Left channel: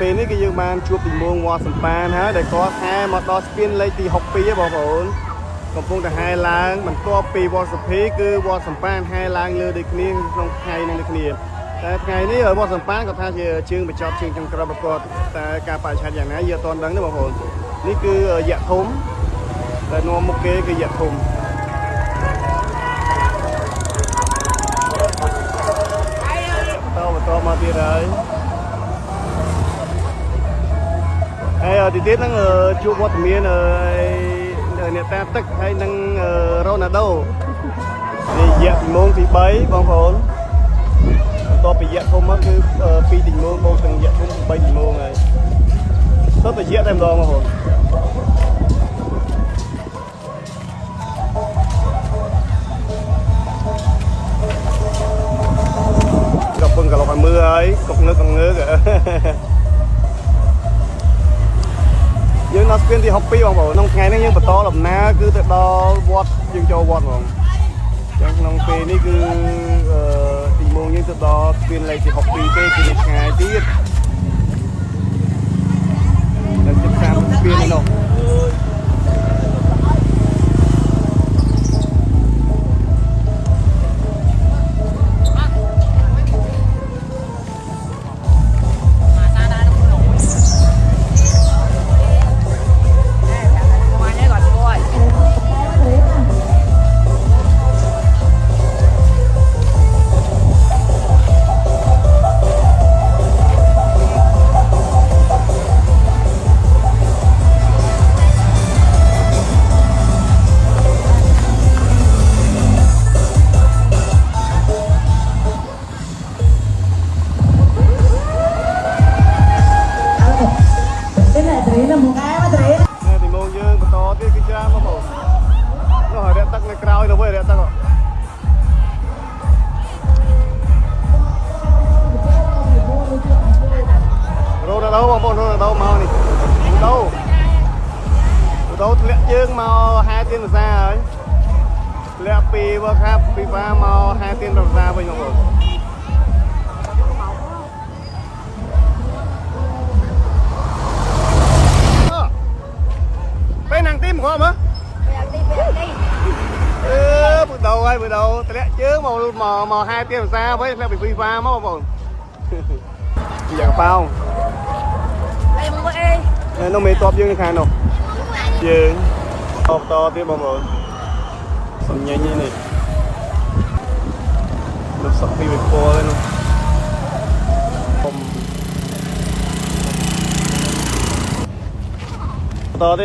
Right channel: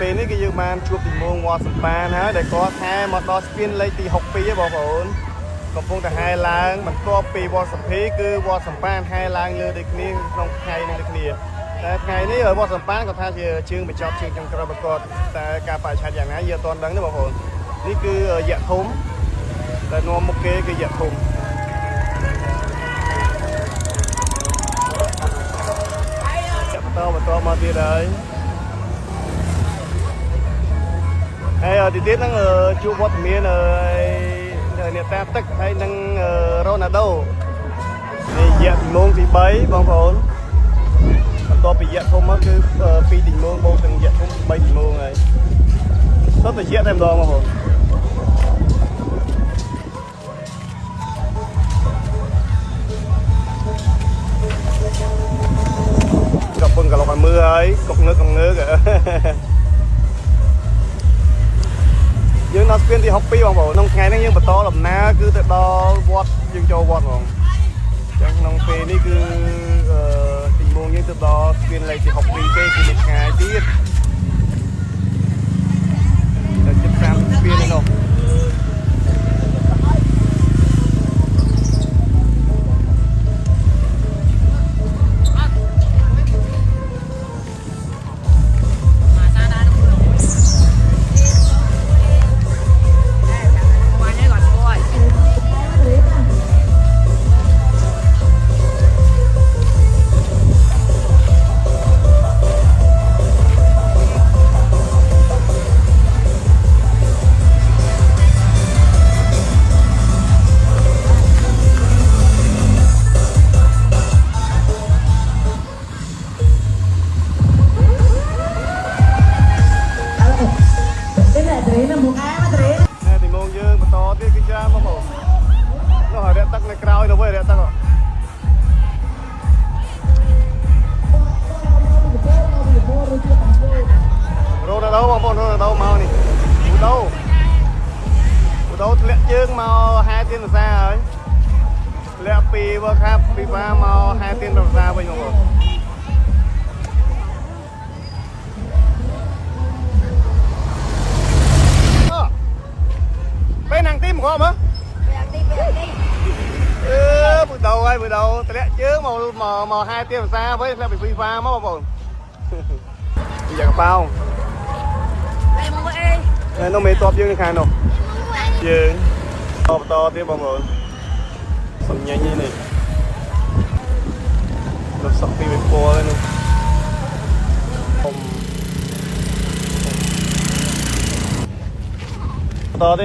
ពេលនេះគឺយើងបានជួបទីមួងវត្តសម្បានហើយដែលក៏ខែមកដល់ស្ពានលេខទី62បងប្អូនកំពុងតែហែឡើងបន្ទាប់ពីវត្តសុភីគឺវត្តសម្បានហែឡើងលើដូចគ្នាក្នុងថ្ងៃនេះគ្នាថ្ងៃនេះវត្តសម្បានក៏ថាជាជើងបញ្ចប់ជើងចុងក្រោយប្រកបតែការបរិច្ឆេទយ៉ាងណាយើងអត់ដឹងទេបងប្អូននេះគឺយៈធំដែលមកមុខគេគឺយៈធំទៀតហ្នឹងជួបវត្តមានអ្នកតាទឹកហើយនឹងរ៉ូណាល់ដូរយៈទី1ទី3បងប្អូនដល់ពីយៈទី1គឺ2ទី1មកទាំងយៈទី3ទី1ហើយសុទ្ធតែយៈតែហ្មង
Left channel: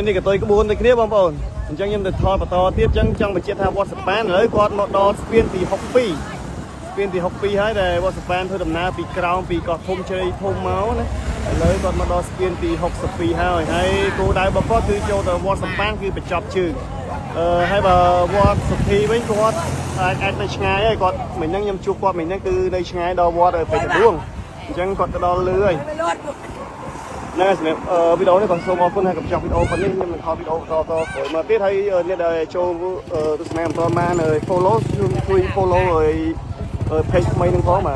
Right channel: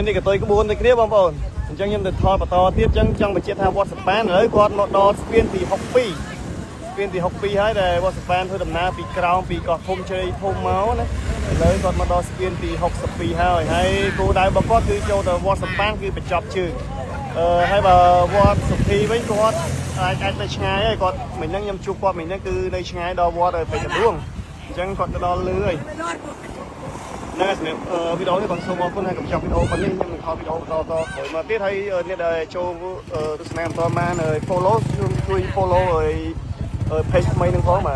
នេះក៏ទៅក្បួនដូចគ្នាបងប្អូនអញ្ចឹងខ្ញុំទៅថតបន្តទៀតអញ្ចឹងចង់បញ្ជាក់ថាវត្តសម្បានហើយគាត់មកដល់ស្ពានទី62ស្ពានទី62ហើយដែលវត្តសម្បានធ្វើដំណើរពីក្រោមពីកោះធំជ័យធំមកហើយគាត់មកដល់ស្ពានទី62ហើយហើយគោលដៅរបស់គាត់គឺចូលដល់វត្តសម្បានគឺបញ្ចប់ជើងហើយបើវត្តសុភីវិញគាត់អាចទៅឆ្ងាយហើយគាត់មិញហ្នឹងខ្ញុំជួបគាត់មិញហ្នឹងគឺនៅឆ្ងាយដល់វត្តទី4អញ្ចឹងគាត់ទៅដល់លើហើយណែវីដេអូនេះក៏សូមអរគុណហើយក៏ចង់វីដេអូនេះមានវីដេអូក្រោយមកទៀតហើយអ្នកដែលចូលទស្សនាអំពីនៅក្នុងនោះគឺពីក្នុងនោះហើយពេញៗនឹងគាត់